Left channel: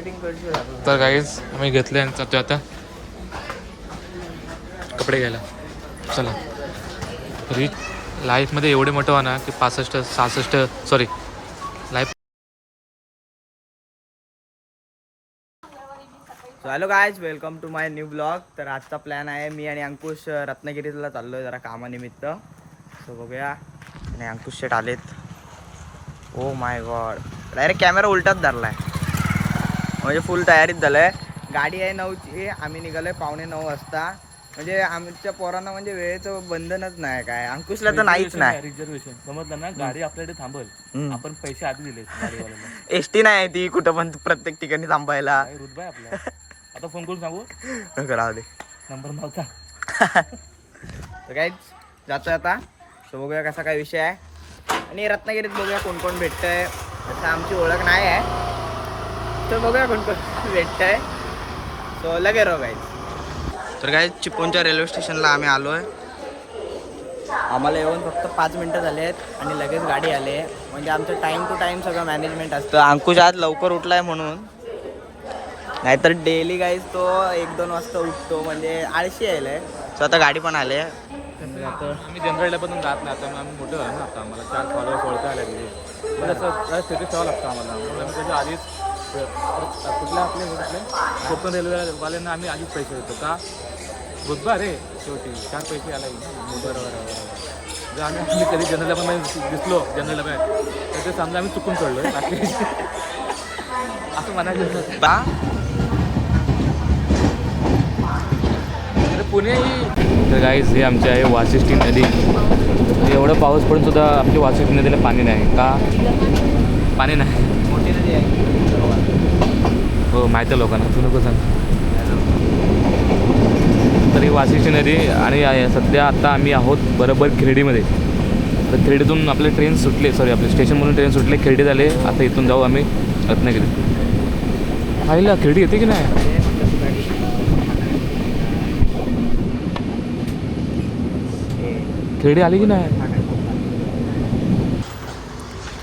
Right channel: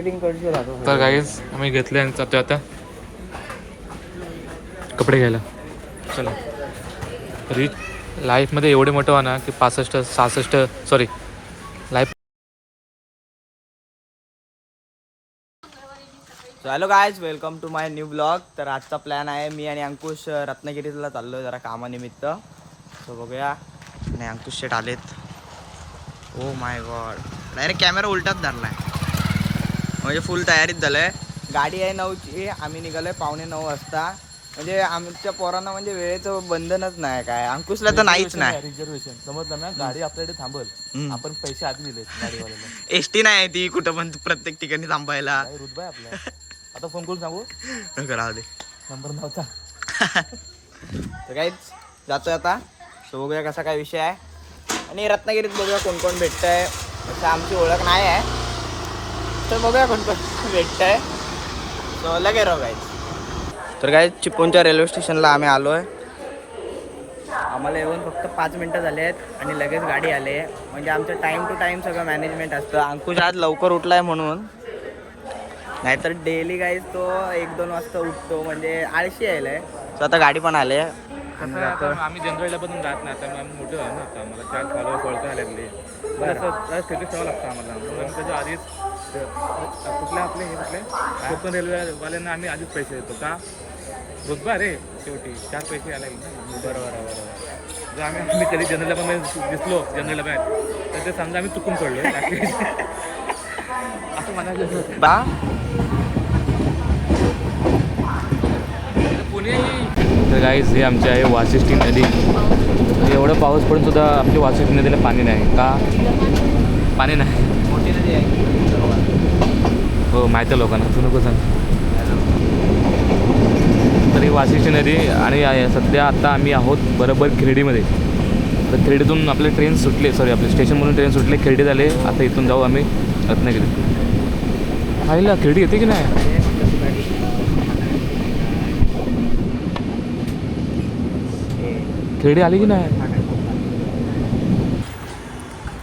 तर गाईज आम्ही घेतले आणि जातो आता कपडे घ्यायला. चला. रीच लाईफमध्ये एवढे मोठं व्हा ना की 65-66 sorry life. Hello guys, welcome to my new blog. तर आजचा प्लॅन आहे, मी आणि अंकुश रत्नागिरीला चाललो आहे जरा कामानिमित्त. सो बघूया. नाही, अंकुश शेट आलेत. Oh my god, direct camera उलटाच धरला आहे, म्हणजे फुल तयारीत झालं आहे. गाडी आहे 9ची, आम्ही निघालो आहे 8:45 वाजता. म्हणजे आमच्या पोरांना म्हणजे वेळेचं बंधनच नाही काय. अंकुशला तर नाहीच नाही. रिझर्वेशन समजलं ना, गाडी आपल्याकडे थांबल, आपण पैसे आधी दिले गाडीवाल्याला. एसटी नाही ती कुठं पण प्रत्येक ठिकाणी थांबायला. रुतबाय आपला. आता फोन करून सांगू राहू दे, नंबर नव्हता. तर काहीच जातोय आता. सो बघूया कसा काय विषय आहे, आणि रत्नागिरीत बघूया कोण कोण भेटतं आहे. तसं आमची ओळख नाही आहे, तर बघूया कोण कोण भेटतं आहे. सो लगे राहू गाईज. तर काय चिपळूणच्या रेल्वे स्टेशनला आम्ही आलो आहे. आम्हाला येऊन फक्त 5 मिनटं झाले आहेत आणि लगेच गाडी आली आहे. म्हणजे आमचं टाईम टू टाईम सगळं मॅनेजमेंट असतं. अंकुश आज लवकर उठला आहे म्हणून, नाहीतर डेली गाईज तो 1-2 वाजता उठतो, म्हणजे आळशी यायला आहे. सो आता गाडी पण आली आहे. आम्ही जनरल डब्यातून जात नाही, आता आम्ही मोठे झालो ना. आता आम्हाला 4 फॉलोअर्स ओळखायला लागले. बरं, स्टेटस ठेवावं लागतं आम्हाला. मग आम्ही त्याच्या आधीच कुठल्या आपले हे कुठले कोकण रेल्वेवाल्यांना आम्ही आधीच पैसे देतो का. रुतबा रे शेवटी 4 पैसे आला ना. बरोबर. जर आम्ही कधी जनरल डब्यामध्ये दिसलो जनरल डब्यात, तर ते समजा आम्ही चुकून चढलो असं म्हणायचं बा. पुणे. तर गाईज हे आमचे आहे वाशिष्ठी नदी. एवढं पाऊस पडून सुद्धा आमच्या वाशिष्ठी नदीला पाणी नाही का. पाणी नाही. मोठी नदी आहे. हो, माहिती आहे लोकांना, तू नको सांग. तर ही वाशिष्ठी नदी. आणि सध्या आता आम्ही आहोत बरोबर खिरडीमध्ये. तर खिरडीतून आपले ट्रेन सुटले, सॉरी आपले स्टेशनमधून ट्रेन सुटले, खिरडी झाले. आता इथून जाऊ आम्ही रत्नागिरी. खायला खिरडी येते की नाही. खिरडी आली की नाही.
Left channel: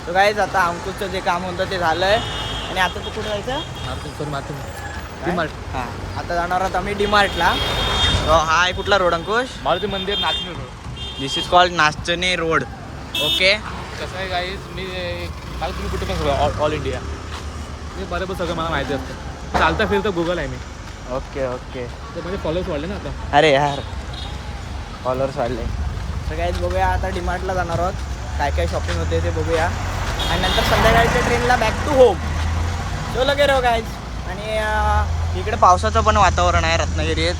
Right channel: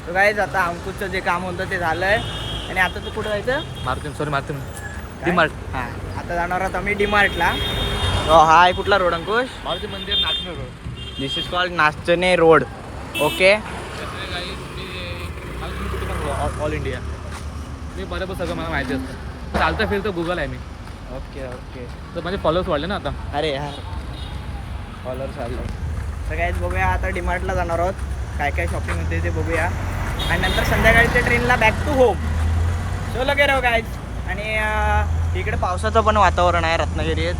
तर काहीच आता अंकुशचं जे काम होतं ते झालं आहे. आणि आता तू कुठं जायचं. डीमार्ट. हां, आता जाणार आहोत आम्ही डीमार्टला. हो, हा आहे कुठला road Ankush. Maruti Mandir, Nachane road. This is called Nachane road. Okay. कसं आहे गाईज, मी कुठे पण ऑल इंडिया मी बरोबर सगळं मला माहिती असतं. चालता फिरतं गुगल आहे मी. ओके. तर माझे फॉलोअर्स वाढले ना आता. अरे यार, फॉलोअर्स वाढले. तर काहीच बघूया आता डीमार्टला जाणार आहोत. काय काय शॉपिंग होते ते बघूया, आणि नंतर संध्याकाळच्या ट्रेनला बॅक टू होम. सो लगे राहू गाईज. आणि इकडे पावसाचं पण वातावरण आहे रत्नागिरीत,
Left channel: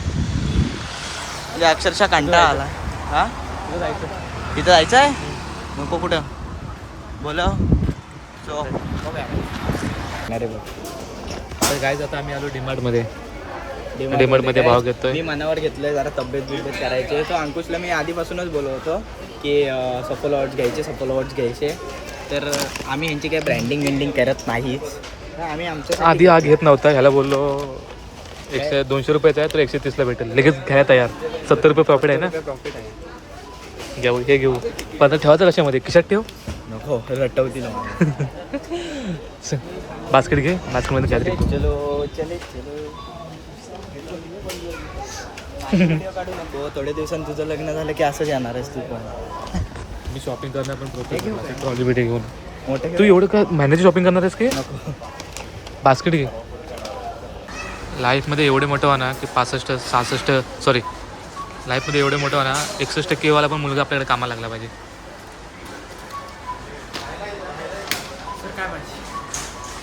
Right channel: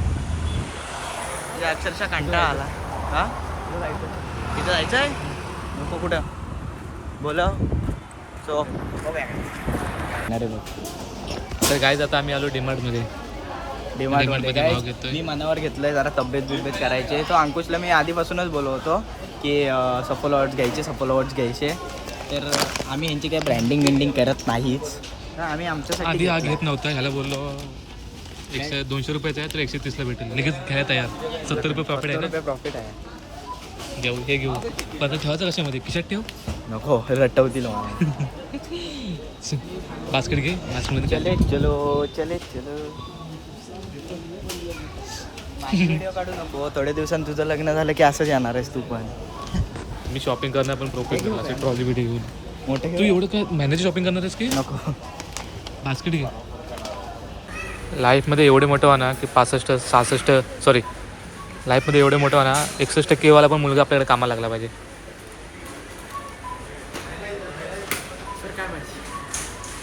म्हणजे अक्षरशः कंटाळा आला. हां, तिथं जायचं आहे. नको कुठं बोला. सो बघूया. तर गाईज आता आम्ही आलो डीमार्टमध्ये. डीमार्टमध्ये भाव घेतोय. मी मनावर घेतलंय जरा तब्येत करायची. तो अंकुशला मी आधीपासूनच बोलवतो की सफल अवॉर्ड्स घ्यायचे. तर आम्ही ह्यांची काही ब्रँडिंग करत नाहीच. आम्ही आमचं आधी घेत नव्हता. ह्याला बोललो 200 रुपयाचा आहे तर 130ला भेटेल. लगेच घ्यायला तयार. 70 रुपये प्रॉफिट आहे ना. प्रॉफिट आहे. घेऊ, हे घेऊ. पण ठेवायचं कशामध्ये, खिशात ठेव. नको, रटवतील. बास्केट घे, बास्केटमध्ये काय ते. चलो. तो थोड्या दिवसांनी तुझं लग्न झालं की असंच येणार आहेस तू पण. मी शॉपिंग करणार पण प्रॉफिट ट्रॉली बिटे घेऊन. मोठे तू एवढं का मॅनेज शॉपिंग करणार आहेस की. बास्केट घे. लाईफमध्ये एवढे मोठं व्हा ना की 65-66 सॉरी लाईफमध्ये एवढे मोठं व्हा ना 61% वाला पण मुलगा आपल्याकडे कामाला लागला पाहिजे.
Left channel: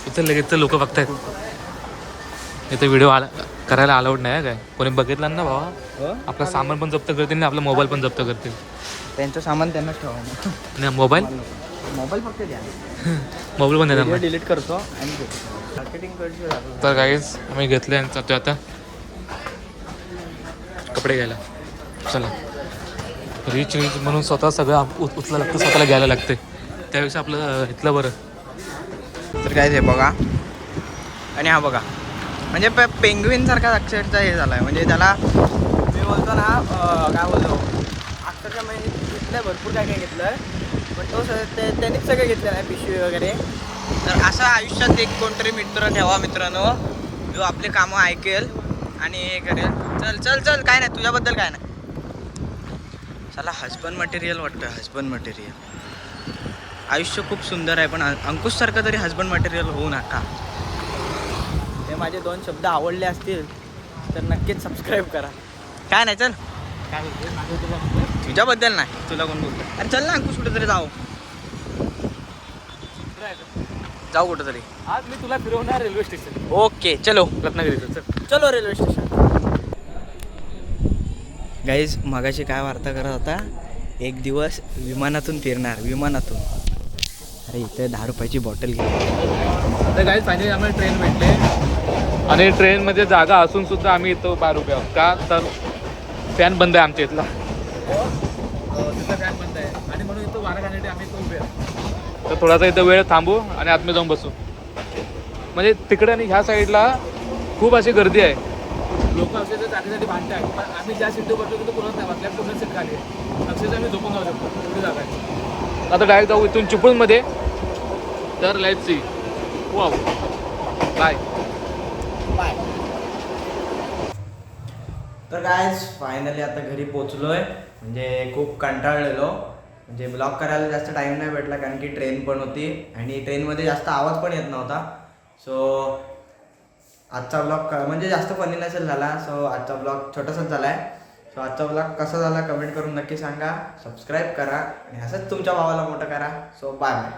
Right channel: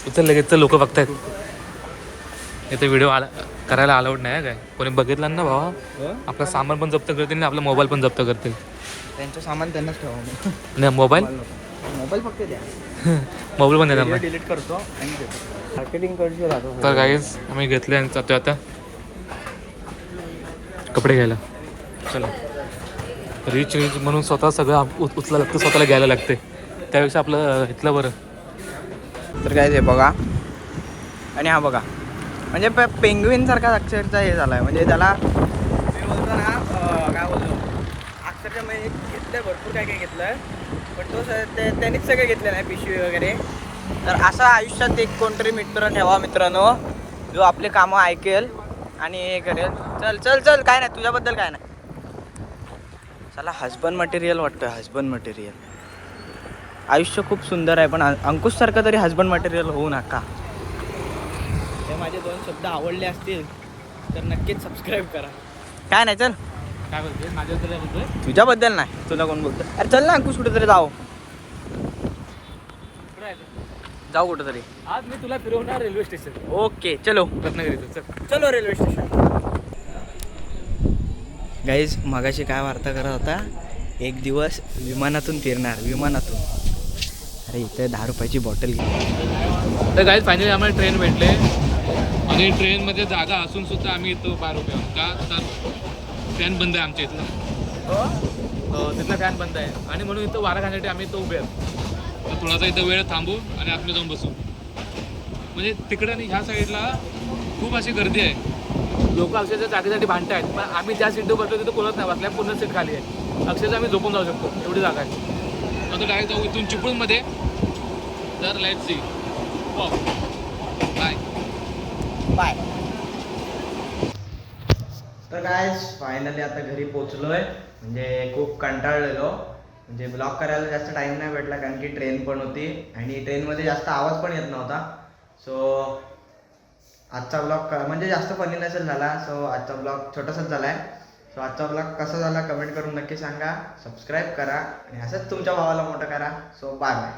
इथं लगेच लोक बघतायत. इथं व्हिडिओ करायला अलाउड नाही काय. कोणी बघितलं ना भावा, आपलं सामान पण जप्त करतील आणि आपला मोबाईल पण जप्त करतील. त्यांचं सामान त्यांनाच ठेवा. नाही, मोबाईल फक्त द्या. मोबाईल पण देणार नाही. डिलीट करतो आणि मार्केटिंग पैसे राहतो. तर काहीच आम्ही घेतले आणि जातोय आता कपडे घ्यायला. चला. रिच म्हणून स्वतः सगळं उचला लागतं, स्वतःला घ्यायला लागते. त्यापेक्षा आपलं इथलं बरं. तर काय ते बघा. आणि हा बघा, म्हणजे पेंग्विन सारखा अक्षरशः हे झाला आहे. म्हणजे त्याला मी बोलतो ना, काय बोलतो, अक्षरशः मी घेतलं भरपूर काय घेतलं, पण तो त्यांनीच सगळं घेतलं नाही, पिशवी वगैरे. तर असा आयुष्यात एक कोणतरी मित्र ठेवा मित्रांनो, जो आपले कामं ऐकेल आणि हे करेल. चल चल चल, काय नाही तुझ्याबद्दल काय नाही. चला हजबंड मटेरियल वाटतं, हजबंड मटेरियल. आयुष्य खूप सुंदर आहे, पण अंकुशसारखं तरी हजबंड मटेरियल होऊ नका. हे माझे 2 शब्द आवडले असतील तर नक्कीच सबस्क्राईब करा. काय नाही चल. काय बोलतोय माझ्याबद्दल काय बोलतोय? तुझ्याबद्दल नाही, तुला कोण बोलतो? अरे चल ना अंकुश, कुठेतरी जाऊ. कुठं आहे? जाऊ कुठेतरी. आज मी तुला फिरवणार रेल्वे स्टेशन ओके चलो. रत्नागिरीचं. चल. चलो रेल्वे स्टेशन. गाईज मगाशी काय वार्ता करत होता, एक दिवस विमानातून फिरणार, विमानातून. अरे इथे 10 रुपयाची बॉटल घे. तर गाईज फायनली आम्हाला ट्रेन भेटले आणि ट्रेनमध्ये जागा असून सुद्धा आम्ही इथं बाहेर उभे आहोत. का तर फॅन बंद आहे आमच्या इथला, तिथला फॅन बंद आहे आणि म्हणून इथं वारा खाण्यासाठी आम्ही इथं उभे आहोत. तर थोडासा इथं वेळ थांबू आणि आतमध्ये जाऊन बसू. म्हणजे तिकडे आणि ह्या साईडला खूप अशी गर्दी आहे, लोक अक्षरशः जागेसाठी भांडत आहेत. पण आम्ही ज्या सीटवर बसतो तिथं कोणच नाही बसल्या, पूर्ण सीट खाली आहे. अक्षरशः आम्ही झोपून जाऊ शकतो, एवढी जागा आहे. आता डायरेक्ट जाऊ इथून चिपळूणमध्ये. तर लेट्स सी. बाय. तर गाईज फायनली आता घरी पोचलोय. म्हणजे खूप कंटाळलेलो, म्हणजे ब्लॉग करायला जास्त टाईम नाही भेटला कारण की ट्रेन पण होती आणि ट्रेनमध्ये जास्त आवाज पण येत नव्हता. सो आजचा ब्लॉग म्हणजे जास्त फनी नसेल झाला. सो आजचा ब्लॉग छोटासाच झाला आहे. सो आजचा ब्लॉग कसा झाला कमेंट करून नक्की सांगा. सबस्क्राईब करा आणि असंच तुमच्या भावाला मोठं करा. So bye bye.